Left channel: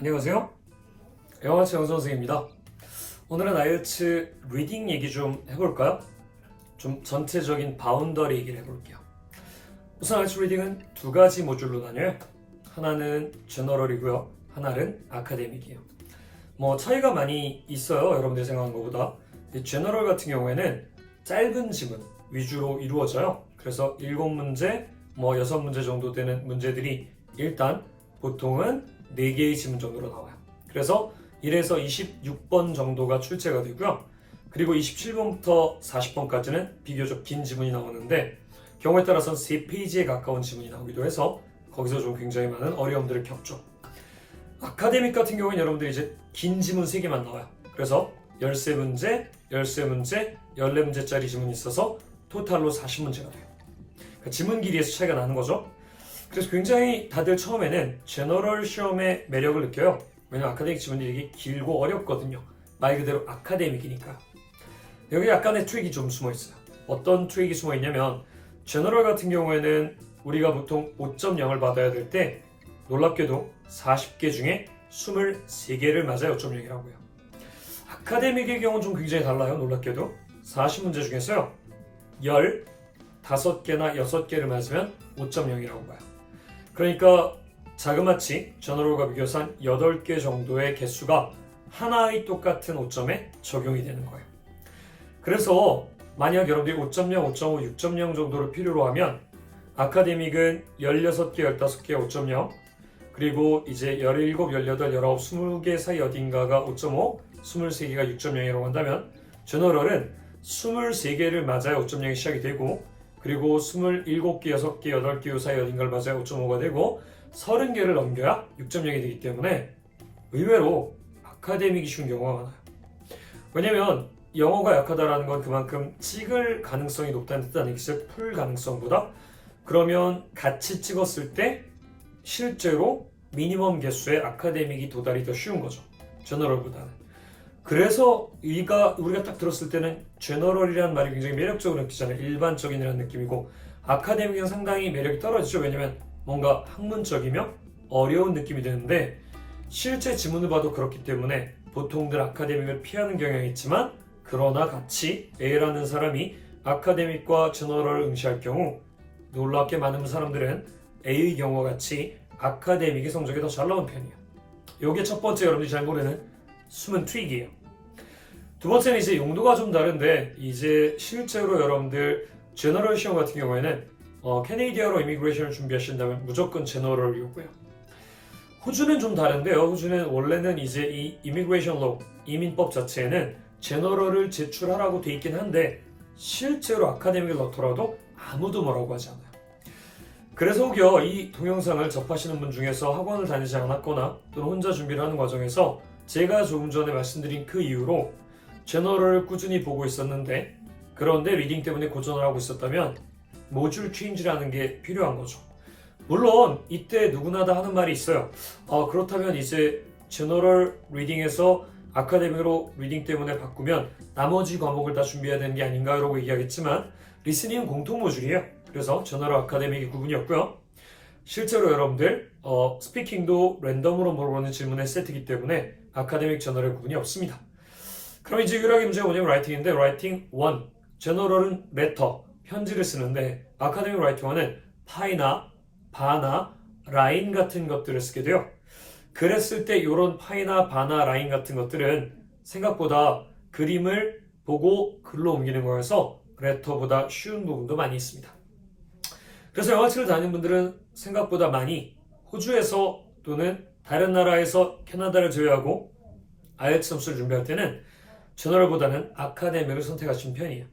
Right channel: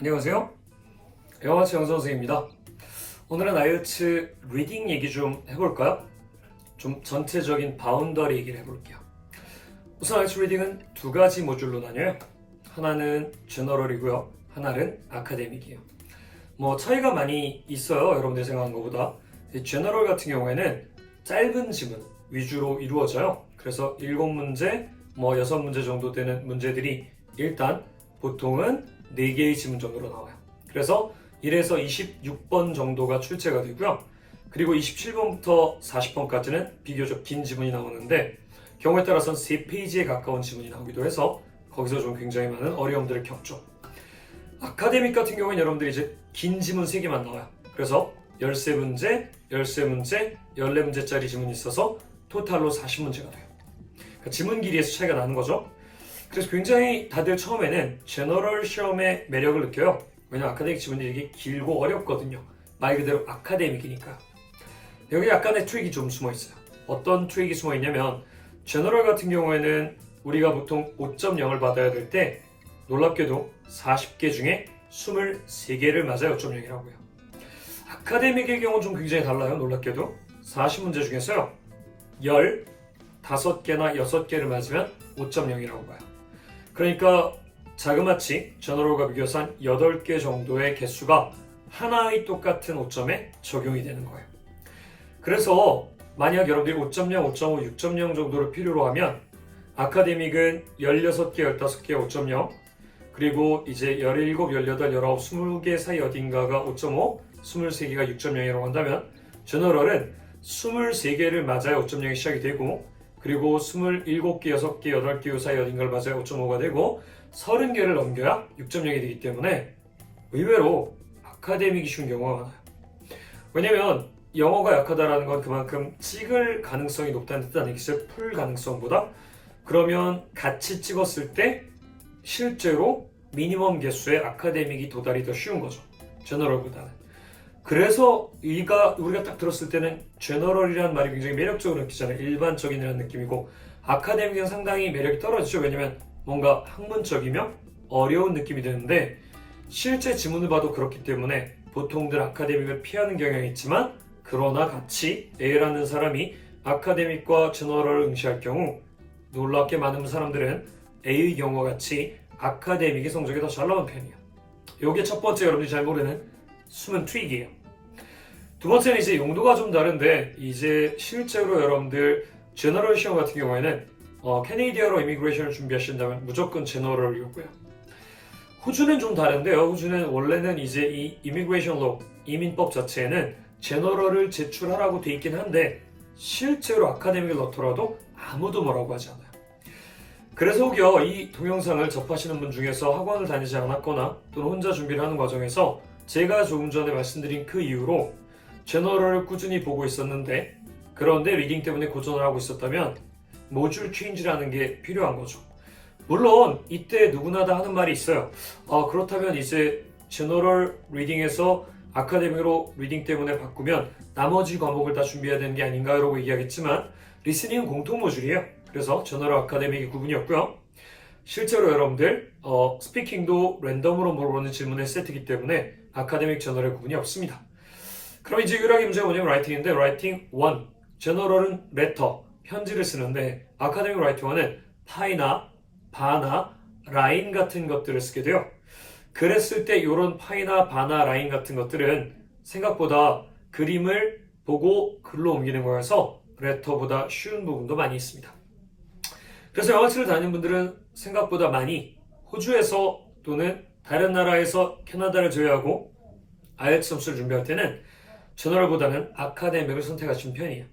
안녕하세요. 영어치 영선생입니다. 오늘은 아이엘츠 리딩 얘기 좀 해볼까요? 좀 전체적인 바운더리 얘기를 해볼게요. 우선 아이엘츠 리딩은 두 가지 모듈로 나뉘어요. 하나는 제너럴이고요. 하나는 아카데믹이에요. 뭐 차이가 많이 있어요. 여러분들이 생각하는 것보다. 이 제너럴 같은 경우에는 짧은 지문 위주로 이루어져요. 그래서 일곱 문제, 뭐 여섯 문제 정도 되는 문제들이 일단 보통은 4개의 지문 정도로 나와요. 그래서 1에서 26번 정도가 출제가 되고요. 그리고 27번부터 40번까지는 비교적 긴 지문이 나오는데 경우에 따라서는 3페이지에 가까운 지문이 나오기도 해서 거기서 좀 굉장히 많은 어려움들을 겪죠. 아카데믹 같은 경우는 여러분들이 이제 긴 지문 3개만 나와요. 그래서 13문제, 13문제, 14문제짜리 지문이 있어서 토탈로 40문제가 돼요. 그러니까 지문 길이에서 차이가 나는 거죠. 그래서 굉장히 다들 처음에는 제너럴 시험의 매력을 느껴요. 왜냐면 아카데믹 지문이 되게 길고 어렵거든요. 말 그대로 아카데믹이니까. 여기 약간의 트릭이 좀 숨어 있어요. 어떤 트릭이 숨어 있냐면 제너럴 같은 경우에는 우리가 보통 5.0을 받아야 될 때 놀랍게도 40개 중에 23개를 맞아야 5.0이라고요. 아카데믹의 경우는 좀 굉장히 달라요. 놀랍게도 40문제 중에서요. 15개나 6개를 맞으면 5.0이라고 봐요. 그러니까 자그마치 비교해서 한 8개 정도의 개수가 하나의 똑같은 5점에 적용이 되는 거예요. 그래서 만약 여러분들이 5.0, 5.5, 6.0 정도를 필요로 하면 아카데믹은 16개, 15개 5.0 그리고 이제 17, 18, 19, 20개 사이 어딘가가 5.5, 23개가 6.0이라고 한다면 저너럴은 23개를 맞아야 5.0이 시작이 되고 그리고 27개, 6개, 8개 사이 어딘가를 맞아야 5.5가 되고 30개를 넘겨야 6.0이 되기 때문에 의외로 아카데믹이 쉬운 경우가 많아요. 왜냐면 영어가 약하다라는 건 그만큼 찍을 가능성이 높다는 뜻 아니겠어요? 풀 가능성보다? 그러면 같이 찍었을 때 실제로 미니멈 개수의 아카데믹이 도달이 더 쉬운 거죠. 제너럴보다는. 그래서 이가 우리가 딱 들었을 때는 제너럴이라는 말이 굉장히 매력적으로 느끼잖아요. 일반적인이라는 느낌이고 아카데믹은 상당히 매력이 떨어지죠. 왜냐면 뭔가 학문적이며 어려운 느낌이 드는데 실제 지문을 봐도 그렇기 때문에 보통들 아카데믹을 피하는 경향이 있지만 그러나 같이 A라는 사람이 아카데믹과 제너럴을 응시할 경우 놀랍게 많은 사람들은 A의 경우와 같이 아카데믹의 성적이 더 잘 나오는 편이에요. 이게 첫 번째 여러분들이 잘 모르는 숨은 트릭이에요. 두 번째는 이제 용도가 좀 다른데 이제 실제로 여러분들 제너럴 시험 같은 경우에는 어, 캐네디아로 이미그레이션을 준비하신다면 무조건 제너럴이었고요. 호주는 좀 다른데요. 호주는 원래는 이제 이 이미그레이션 로 이민법 자체에는 제너럴을 제출하라고 돼 있긴 한데 실제로 아카데믹을 넣더라도 아무도 뭐라고 하지 않아요. 그래서 혹여 이 동영상을 접하시는 분 중에서 학원을 다니지 않았거나 또는 혼자 준비를 하는 과정에서 제가 조금 전에 말씀드린 그 이유로 제너럴을 꾸준히 보고 있었는데 그런데 리딩 때문에 고전을 하고 있었다면 모듈 체인지라는 게 필요한 거죠. 물론 이때 누구나 다 하는 말이 있어요. 아, 그렇다면 이제 제너럴 리딩에서 아카데미로 리딩 때문에 바꾸면 나머지 과목을 다 준비해야 되는 게 아닌가라고 얘기하겠지만 리스닝은 공통 모듈이에요. 그래서 제너럴 아카데믹이 구분이었고요. 실제로 여러분들 어, 스피킹도 랜덤으로 물어보는 질문의 세트이기 때문에 아카데믹 제너럴 구분이 없습니다. 그럼 이제 유일하게 문제가 뭐냐면 라이팅인데 라이팅 1 제너럴은 레터 편지를 쓰는데 아카데믹 라이팅 1은 파이나 바나 라인 같은 것들을 쓰게 돼요. 그랬을 때 이런 파이나 바나 라인 같은 것들은 생각보다 그림을 보고 글로 옮기는 거여서 레터보다 쉬운 부분도 많이 있습니다. 그래서 영화치를 다니는 분들은 생각보다 많이 호주에서 또는 다른 나라에서 캐나다를 제외하고 IELTS 점수를 준비할 때는 제너럴보다는 아카데믹을 선택하신 편이에요.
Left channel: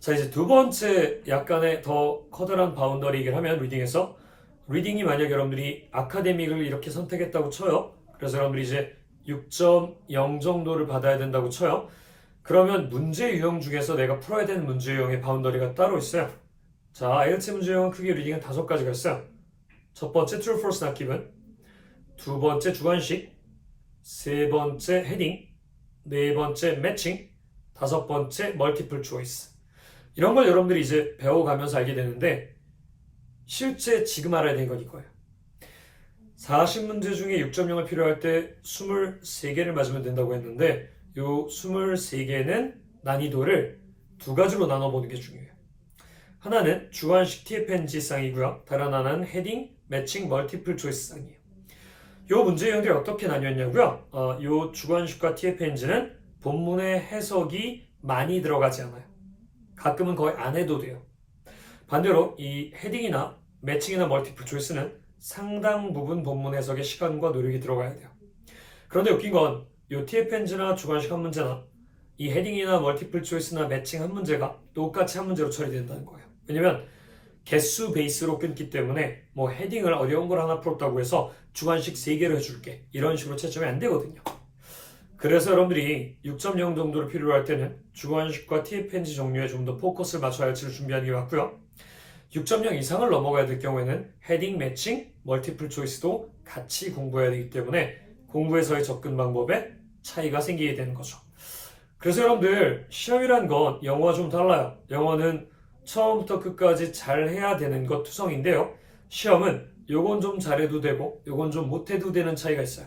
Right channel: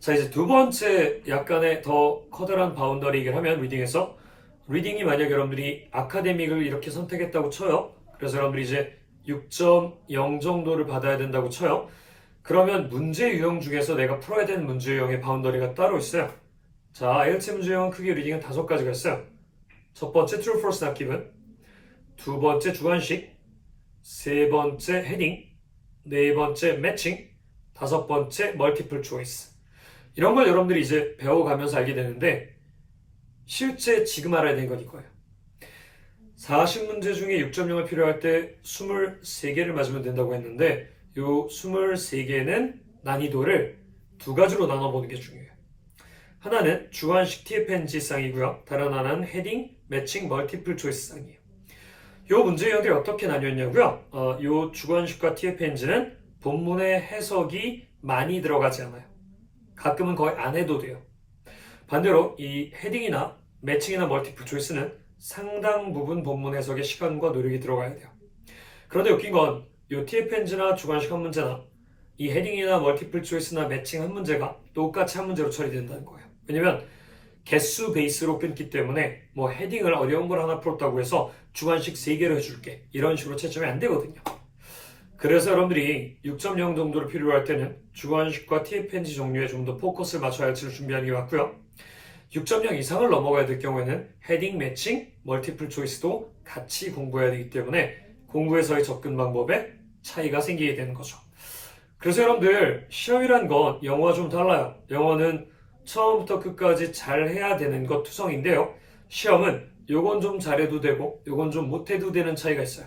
자 이제 두 번째 약간의 더 커다란 바운더리를 하면 리딩에서 리딩이 만약 여러분들이 아카데믹을 이렇게 선택했다고 쳐요. 그래서 여러분들이 이제 6.0 정도를 받아야 된다고 쳐요. 그러면 문제 유형 중에서 내가 풀어야 되는 문제 유형의 바운더리가 따로 있어요. 자, IELTS 문제 유형 크기 리딩은 다섯 가지가 있어요. 첫 번째 true, false, given. 두 번째 주관식. 세 번째 헤딩. 네 번째 매칭. 다섯 번째 멀티플 초이스. 이런 걸 여러분들이 이제 배워가면서 알게 되는데 실제 지금 알아야 되는 건 이거예요. 40문제 중에 6.0을 필요할 때 23개를 맞으면 된다고 했는데 요 23개는 난이도를 두 가지로 나눠보는 게 중요해요. 하나는 주관식 TFNG 쌍이고요. 다른 하나는 헤딩, 매칭, 멀티플 초이스 쌍이에요. 요 문제 유형들이 어떻게 나뉘었냐고요? 어, 요 주관식과 TFNG는 본문의 해석이 많이 들어가지 않아요. 가끔은 거의 안 해도 돼요. 반대로 이 헤딩이나 매칭이나 멀티플 초이스는 상당 부분 본문 해석에 시간과 노력이 들어가야 돼요. 그런데 웃긴 건이 TFNG나 주관식 한 문제나 이 헤딩이나 멀티플 초이스나 매칭 한 문제가 똑같이 한 문제로 처리된다는 거예요. 왜냐면 개수 베이스로 끊기 때문에 뭐 헤딩을 어려운 걸 하나 풀었다고 해서 주관식 3개로 해줄게 이런 식으로 채점이 안 되거든요. 그래서 여러분들이 6.0 정도를 필요로 할 때는 주관식과 TFNG 종류에 좀 더 포커스를 맞춰야 할지를 준비하는 게 맞고요. 6.0 이상을 넘어가야 될 경우에는 헤딩 매칭, 멀티플 초이스도 같이 공부해야 되기 때문에 공부에서의 접근 방법에 차이가 생기게 되는 거죠. 그래서 여러분들 시험이란 건 영어와 좀 달라요. 영어는 처음부터 끝까지 잘 해야 되는 것 투성인데요. 시험은 요건 좀 잘해도 되고 요건 좀 못해도 되는 차이가 있어요.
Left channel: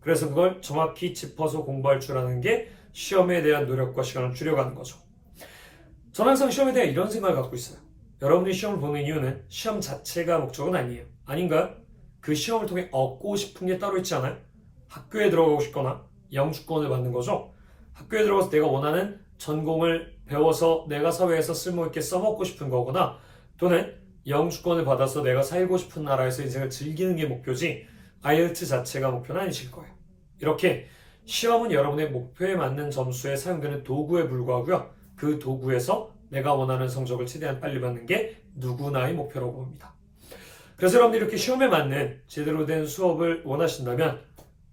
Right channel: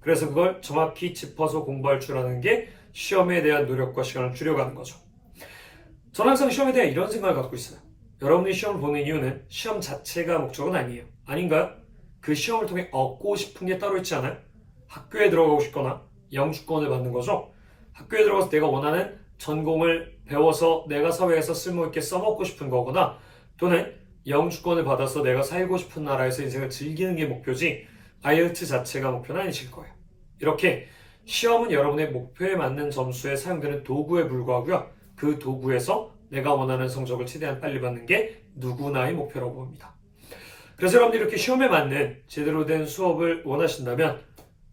그래서 그걸 정확히 짚어서 공부할 줄 아는 게 시험에 대한 노력과 시간을 줄여가는 거죠. 저는 항상 시험에 대해 이런 생각을 갖고 있어요. 여러분이 시험을 보는 이유는 시험 자체가 목적은 아니에요. 아닌가요? 그 시험을 통해 얻고 싶은 게 따로 있지 않아요? 학교에 들어가고 싶거나 영주권을 받는 거죠. 학교에 들어가서 내가 원하는 전공을 배워서 내가 사회에서 쓸모있게 써먹고 싶은 거거나 또는 영주권을 받아서 내가 살고 싶은 나라에서 인생을 즐기는 게 목표지 아이엘츠 자체가 목표는 아니실 거예요. 이렇게 시험은 여러분의 목표에 맞는 점수에 사용되는 도구에 불과하고요. 그 도구에서 내가 원하는 성적을 최대한 빨리 받는 게 누구나의 목표라고 봅니다. 그래서 여러분들이 이렇게 시험에 맞는 제대로 된 수업을 원하신다면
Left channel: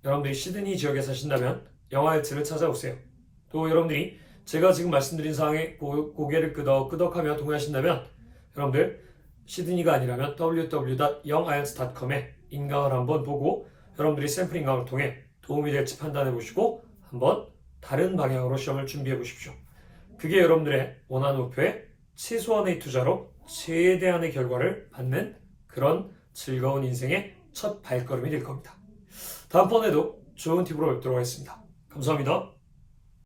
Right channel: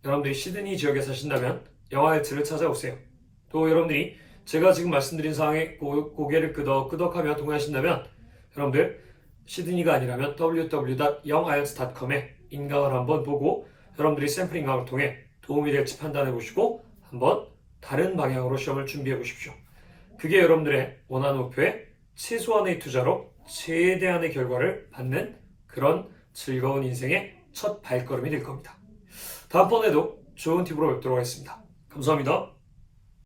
여러분들이 시드니 지역에 사신다면 영화일츠를 찾아오세요. 또 여러분들이 제가 지금 말씀드린 사항에 고, 고개를 끄덕 끄덕하며 동의하신다면 여러분들 시드니가 아니라면 www.youngIELTS.com에 인강을 한번 보고 여러분들이 샘플 인강을 통해 도움이 될지 판단해 보시고 한번 다른 방향으로 시험을 준비해 보십시오. 그게 여러분들의 원하는 목표에 최소한의 투자로 최대한의 결과를 받는 그런 즐거운 인생의 첫 발걸음이 될 겁니다. 다음번에도 좋은 팁으로 뵙도록 하겠습니다. 감사합니다.